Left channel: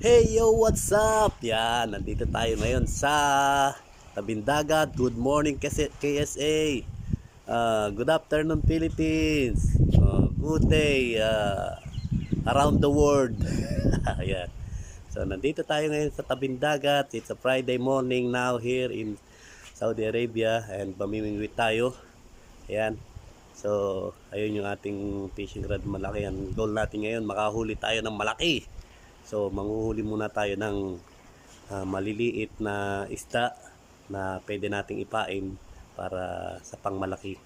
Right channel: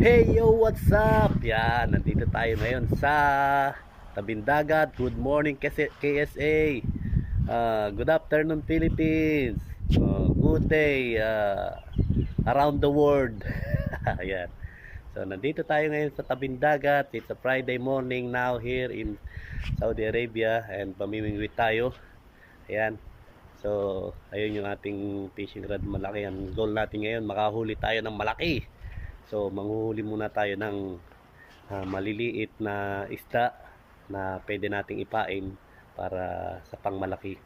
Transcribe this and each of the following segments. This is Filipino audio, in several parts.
Hey yo, what's up? Yan, nandito tayo ngayon sa Tabing Dagat. Good morning KSA. Good afternoon Philippines. Good day around the world. Ayan. So nandito tayo ngayon sa Tabing Dagat. It's a Friday morning now here in Saudi Arabia and pamimingwit tayo. Ayan. So ayun yung ating fishing rod malaki. Ang goal natin ngayon makahuli tayo ng malaki. So manghuhuli muna tayo ng maliliit na isda na pwede nating ipain para sa pangmalaki,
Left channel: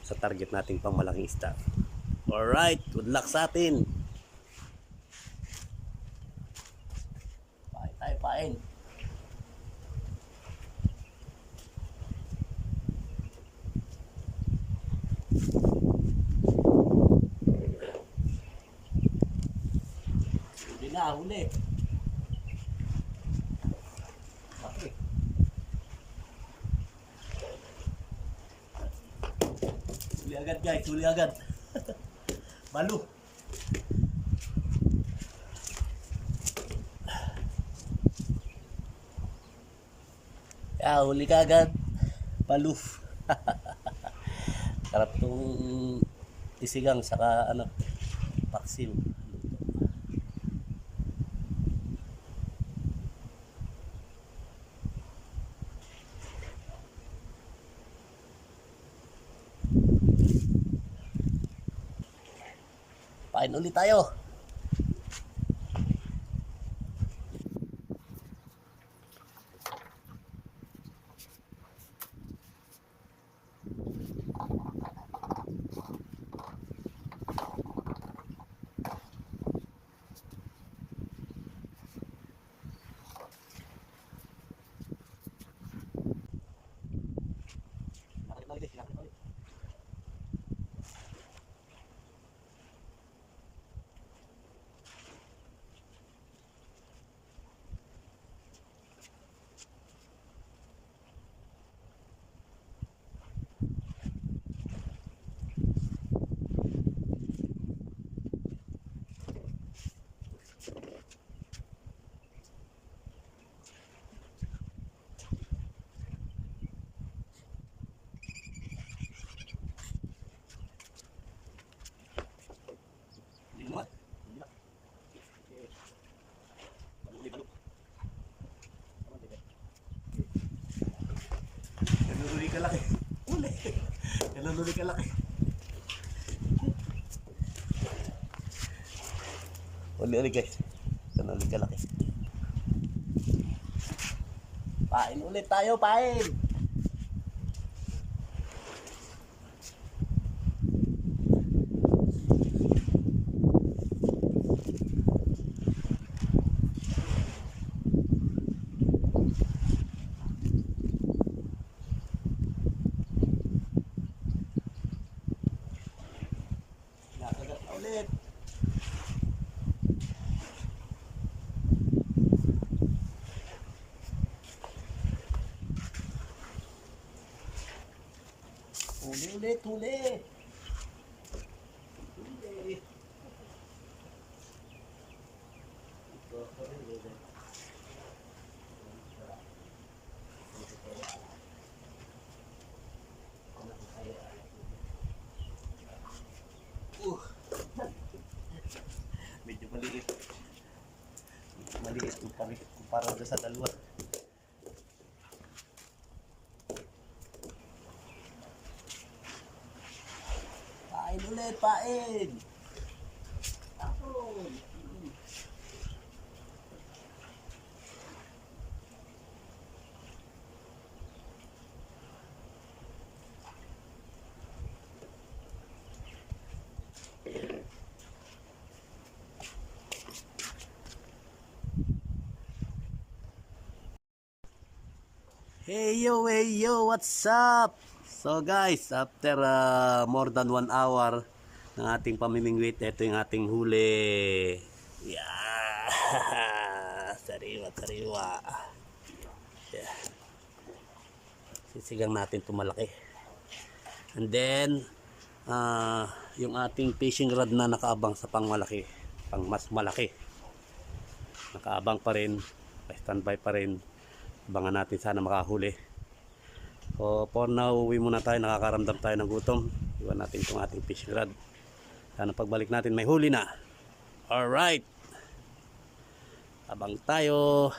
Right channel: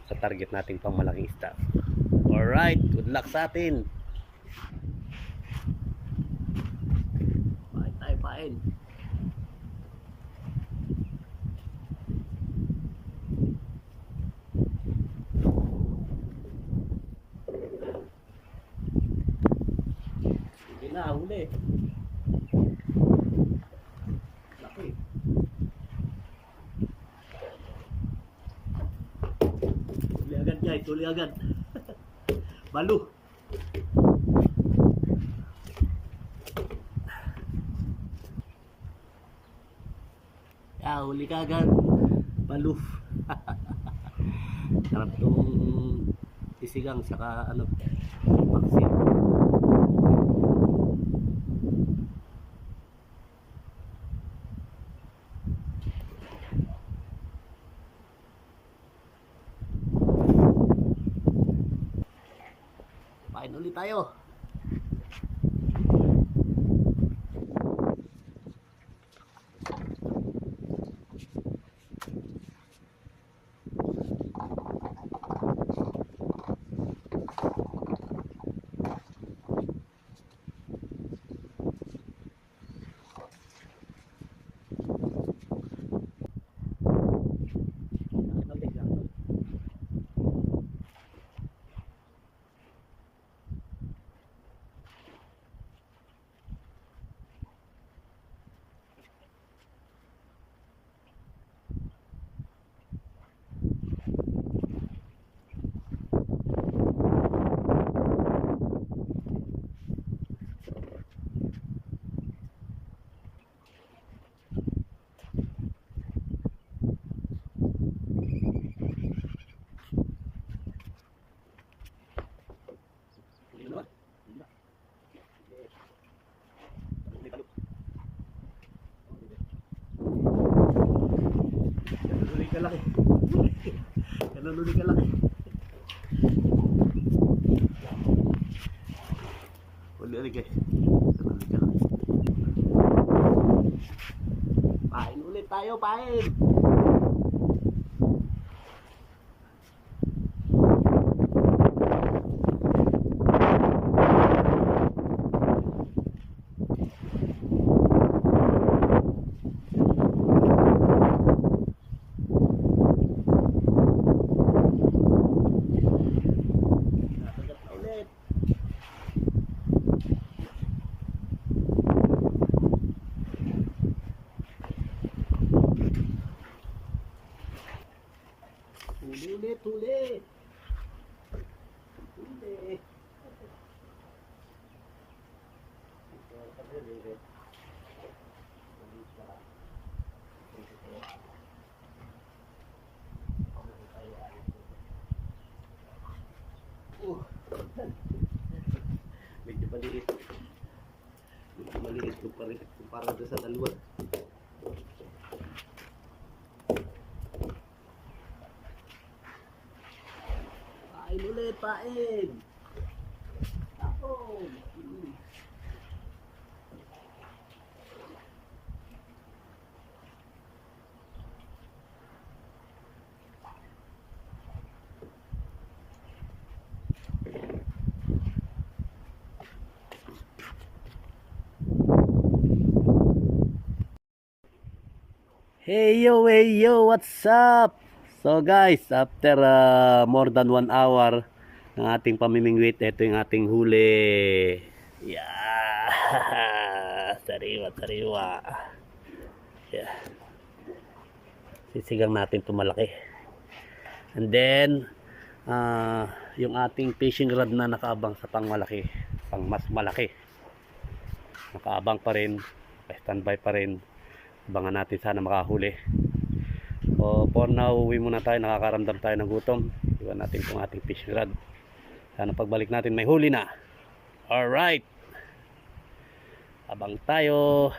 sa target nating pangmalaking isda. Alright, good luck sa atin. Pain tayo, pain. Hindi na, huli. Laki. Huli agad guys, huli agad. Malu. Huli ka agad. Malu. Sarap itong isigang saka paksi. Pain ulit tayo. Naluluwi ka laki. Naluluwi ka laki. Uli guys. Naluluwi ka laki. Pain ulit tayo, pain. Ulit, ulit. Ulit. Medyo maliit. Medyo maliit kumpara doon sa dalawa. Pain ulit, pain. Tapon. Hey yo, what's up? So guys, after more than 1 hour ng ating pamimingwit, ito yung ating huli. Yeah. Sariwa, sariwa. Yeah. Sisigang natin tumalaki. And then yung ating fishing rod na nakaabang sa pangmalaki, pang mas malaki. nakaabang pa rin, standby pa rin. Abangan natin sana makahuli. So for now, uwi muna tayo, nakakaramdam tayo ng gutom. Iwan natin itong ating fishing rod. Sana pagbalik natin may huli na. Alright, abang tayo.